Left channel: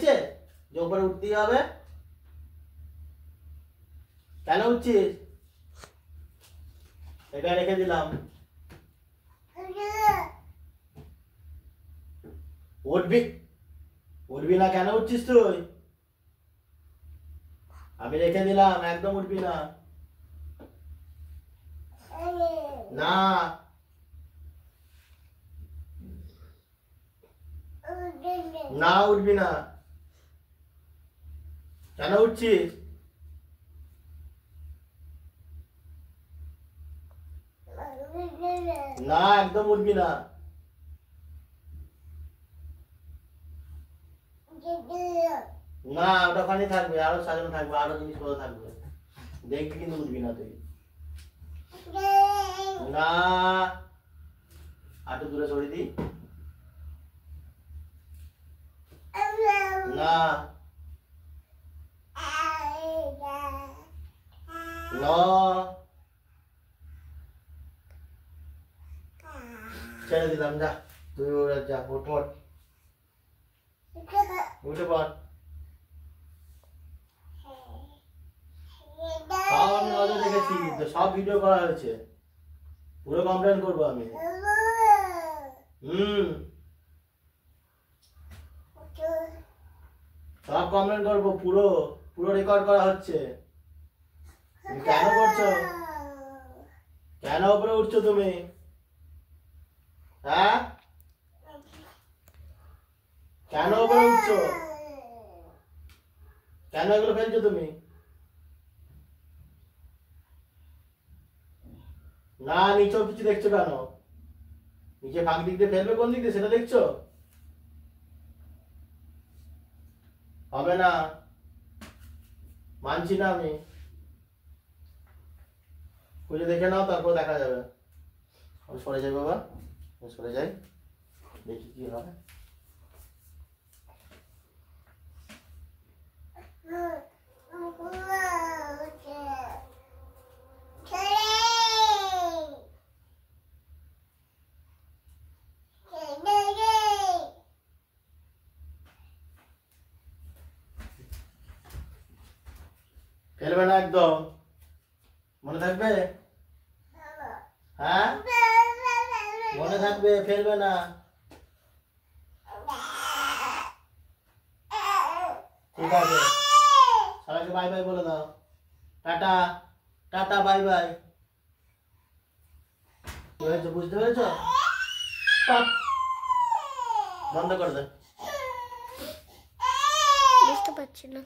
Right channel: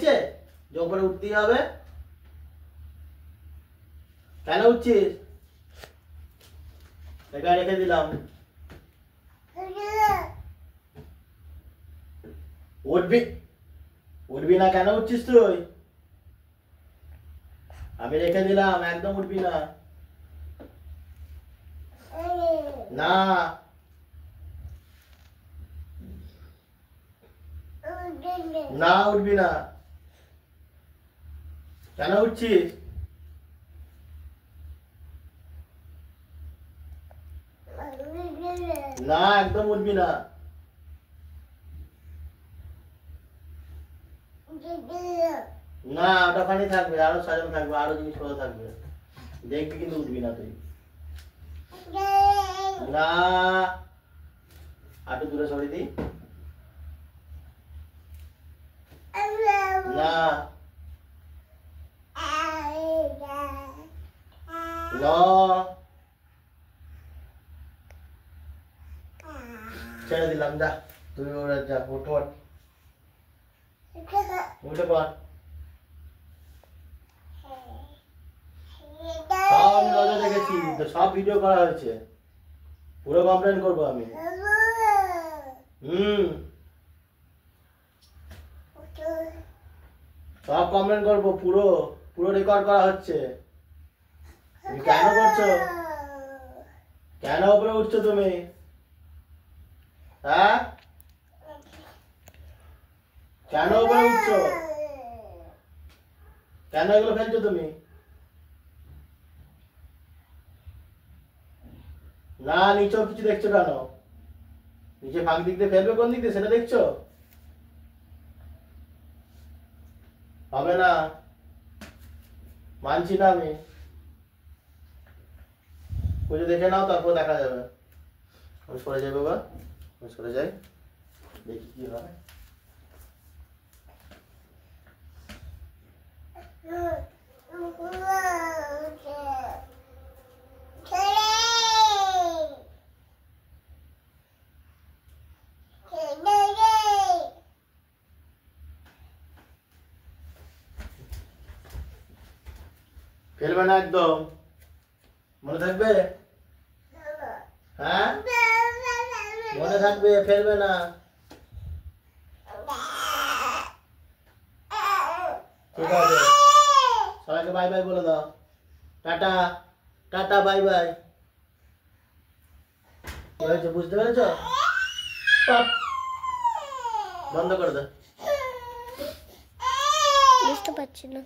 যে উপরে উঠতেই হবে। কেন উঠছিস? এটা রেখে দিলাম। উঠবি উঠবি না? কেন উঠছিস তুই? আমি রেখে দিলাম, একদম উঠবি না। না না উঠবি না। কেন উঠছিস? না একদম উঠবি না। না ওটা ওখানে থাকবে, আরো সাজানো থাকবে, আরো জিনিসপত্র থাকবে, দেখবি কিন্তু উঠবি না তুই। না একটু দূরে সরিয়ে দিই। না ছেড়ে দিলাম, যা তুই ওরা যা, উঠ উঠে পড়। সব আমি নজর রেখেছি, সব ভিডিও করা হয়েছে, পুরো কমপ্লেন করবো আমি। সব কমপ্লেন করবো, পুরো পুরো রেকর্ড করা হচ্ছে। তুমি কেন করছো? কেন উপরে উঠছো তুমি? হ্যাঁ কেন উপরে উঠছো? কেন এগুলো ফেলছো তুমি? না নিচেও কিছু দেখছো কেন? নিচে ফাঁক দিক দিয়ে ফেলবে, কোন দিক দিয়ে সেটা দেখছো? হবে না, মানছি না আমি। খুঁজে দেখে নাও, তারপর দেখা যাবে। আমি সরে যাই বাবা, আমি সরে যাই, দেখি কি হয়। ফেলবে না একদম, মনে থাকবে? হ্যাঁ মনে থাকবে, ফেলবে না। ঠিক আছে, সবাইকে বাই বাই বলে দাও। Tata tata, bye bye. কি হয়েছে বুঝতে পেরেছো? বন্ধ করে দাও। বুঝতে পারছি না।